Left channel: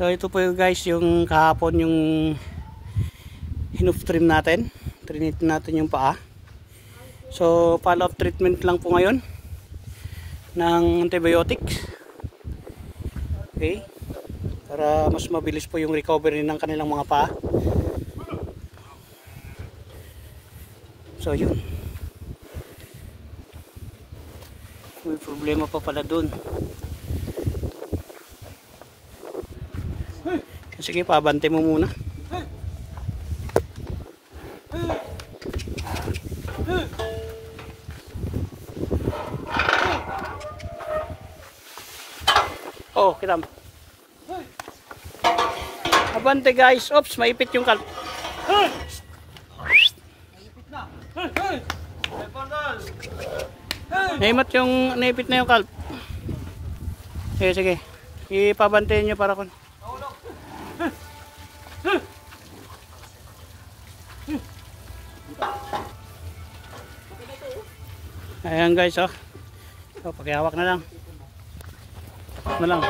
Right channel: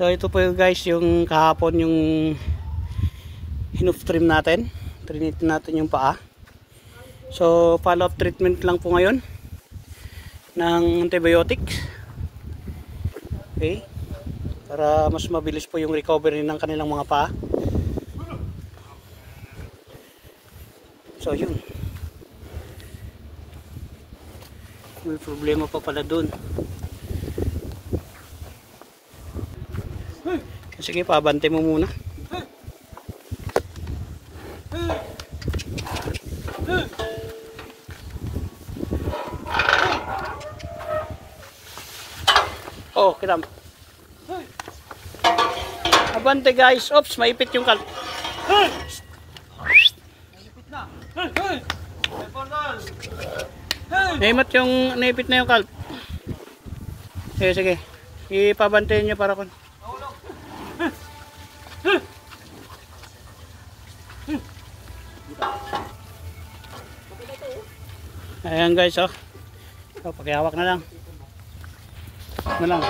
So ito po yung guys, yung kahapon yung hinoof trim natin. Trinit natin yung paa. So follow up treatment lang po ngayon ng antibiotics. Okay. Para mas mabilis po yung recovery ng kanilang mga paa. So yun. May problema pa pala dun. Sige, pabante mo muna. Oh, kitam. Abante guys. Oops, maipit yung kalp. Maipit na. Naipit na yung kalp. Sige, sige. Ipabantayin nyo para kun. Ayan guys, oh. So, pakihawak na lang. Na lang.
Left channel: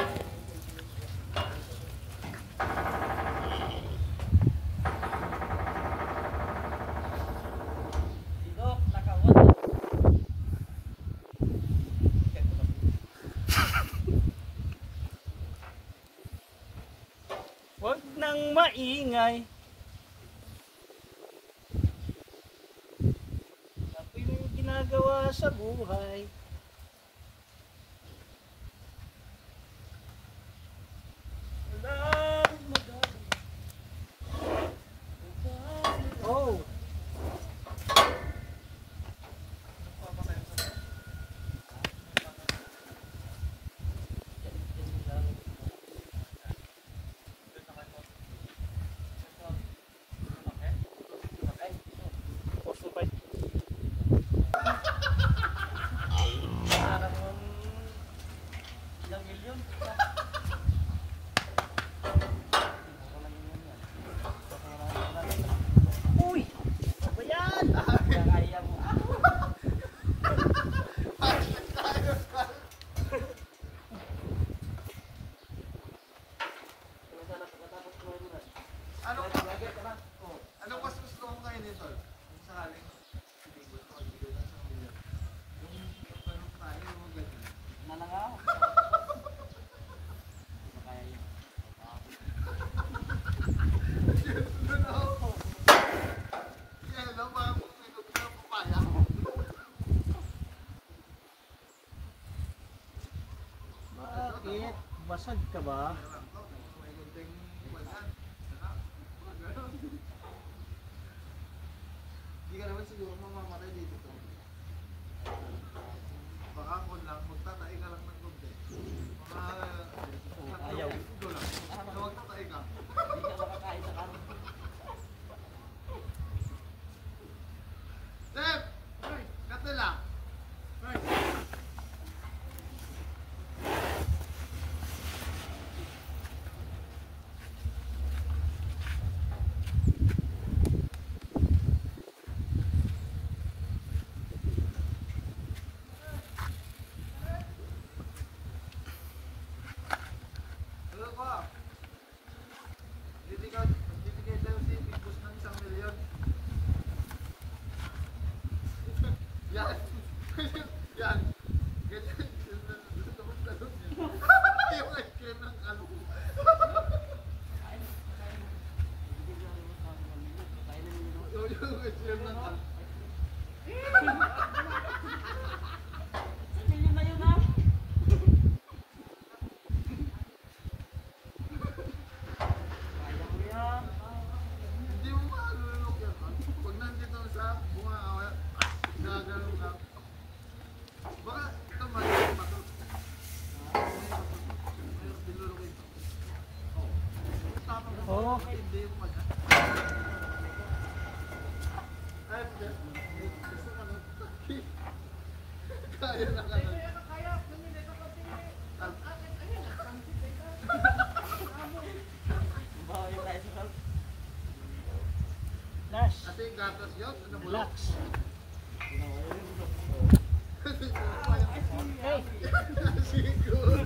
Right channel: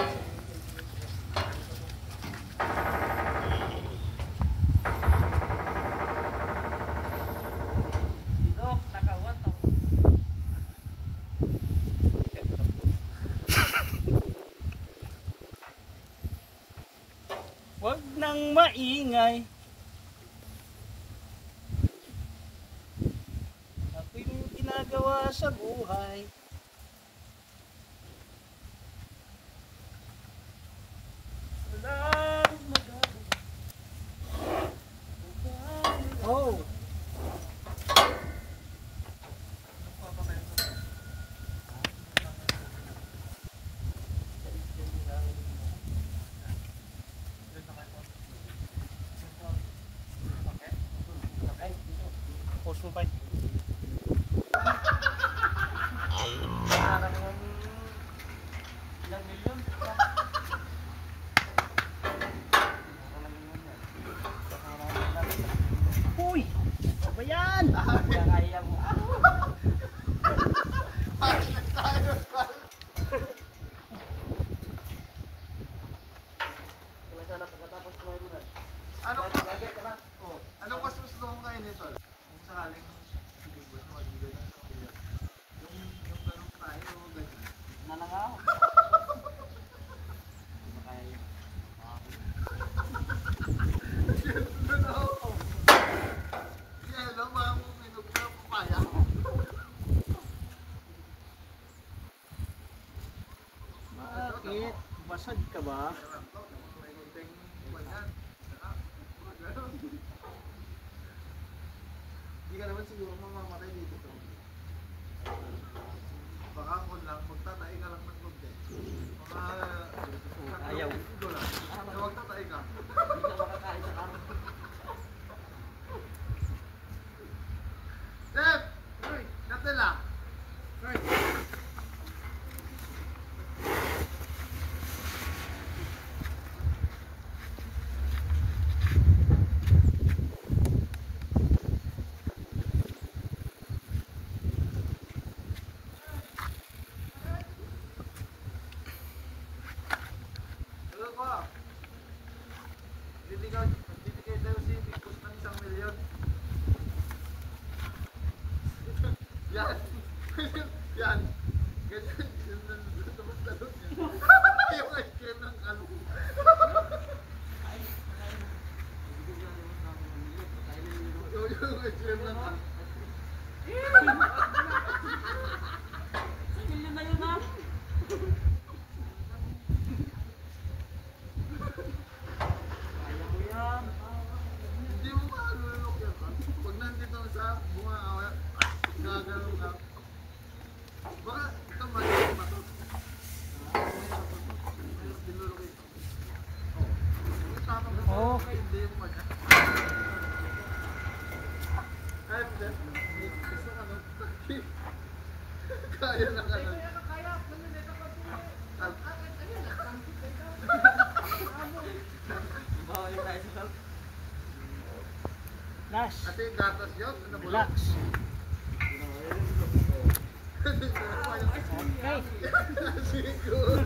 Wag nang maingay. Ako'y may ginagawa sa buhay. Wala akong magagawa. Oh. Supay. Ilang milyon? Uy! Ano ba yan? Kaya mo. Anong mas gusto mo ngayon nito? Sakaling ibigod mo, ibigod ng isang milyon. Yung tanong tayo, ganyan. Nalangaw. Hindi makaya yun. Doon ako. Yan, alam mo ang minug na papaya. Bakit? Basag ka ba? May gunting banyan. Hindi ka naman siguro mamamatay dito to. Baka kung lang, magtatay ka lang ng konti. Ayaw. Ito lang. Magtatay ka. Hindi ka makakain sa karon. Chef! Uy! Katila! Uy! Bibigay daw si Big Boss ng 1 milyon. Yan. Yan. Ganyan. Talon yan. Yung ice cream ng kalong. Yung ice cream ng kalong. Sa milyon na yun ha? Hindi mo makalulok yan. Pag nandito sa bunga, gagano'n ka. Baka ito maliit pa ito. Mayroon dinulok ito. Oh. Hindi yung pag. Ay, gusto ka nun. Kaya na ka nun. Lash. Ate yung gatas yun? Ano mo? Relax. Siguro.